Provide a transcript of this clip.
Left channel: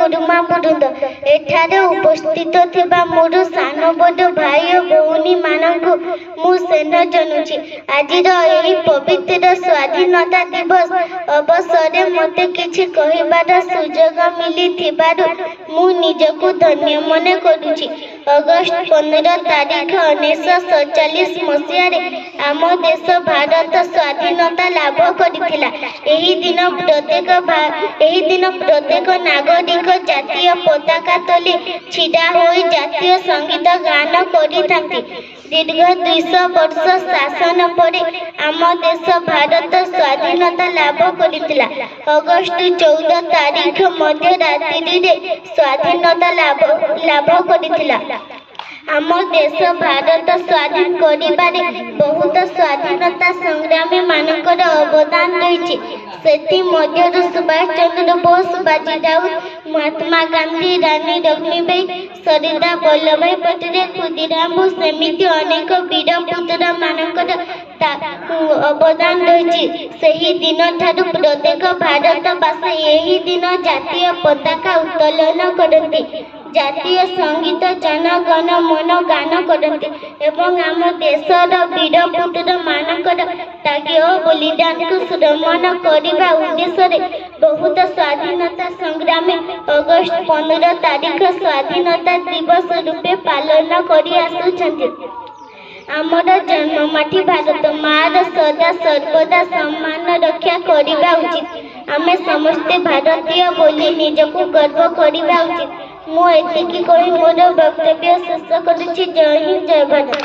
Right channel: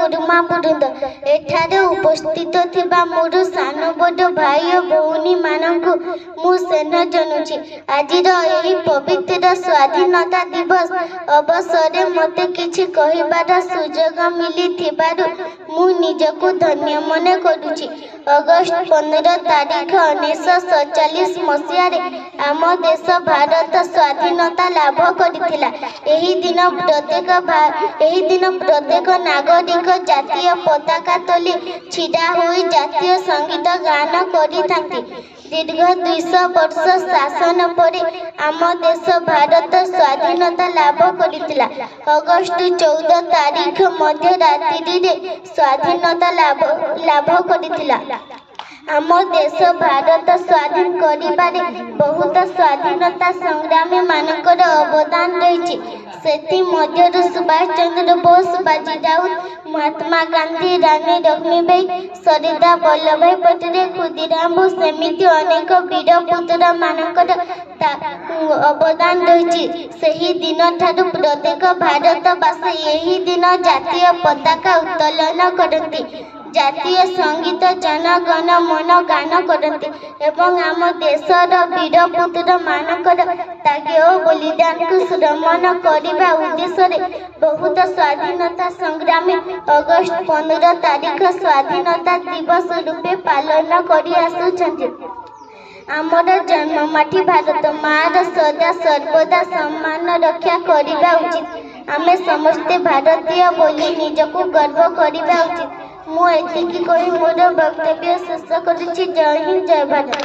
गुरुमा वृंद एठारे उपस्थित थिबा मोर सान बड़ भाई और भौणी मानकु मु सेन जनुछि। आजिर एही पवित्र स्वाधीनता दिवस अवसर मते किछि कहिबार सुजोग मिली थिबारु मु निजकु धन्य मने करुछि। अगस्त 15 तारीख 1947 मसीह आम देश भारत स्वाधीनता लाभ करथिला। एही दिन प्रत्येक नागरिक जातीय पताका तले छिड़ा होई जातीय संगीत गान करिथांती। दीर्घ 200 वर्ष शासन परे आम देश भारत स्वाधीनता लाभ करथिला। अगस्त 14 तारीख मध्य रात्रि रे स्वाधीनता लाभ करथिला। आम देश भारत स्वाधीन करिबारे बहुत स्वाधीनता संग्रामी मानकर अवदान रही। सेथि मध्यरु सुभाष चंद्र बोस, बाजी राउत, महात्मा गांधी, रानी लक्ष्मीबाई, सरदार वल्लभभाई पटेल, खुदीराम बोस सेमिति अनेक वीर पुत्र मानकर अवदान रही। सही दिन ठारू प्रत्येक भारतवासी यही दिन जातीय पताका उत्तोलन करती, जातीय संगीत जन गण मन गान करती एवं आम देशर वीर पुत्र मानकर त्याग और बलिदान को स्मरण करने उद्देश्य बहुत स्वाधीनता संग्रामी अगस्त 15 तारीख स्वाधीनता दिवस रूपे पालन करि आसुछन्ति। आमर जन्ममाटी भारत मार सदा सर्वदा सम्मान रक्षा करने उचित। आमे समस्ते भारतीय बोली निजको गर्व करने उचित। मु एतिकी कहि मोर वक्तव्य शेष करुछि। जय हिंद, जय भारत।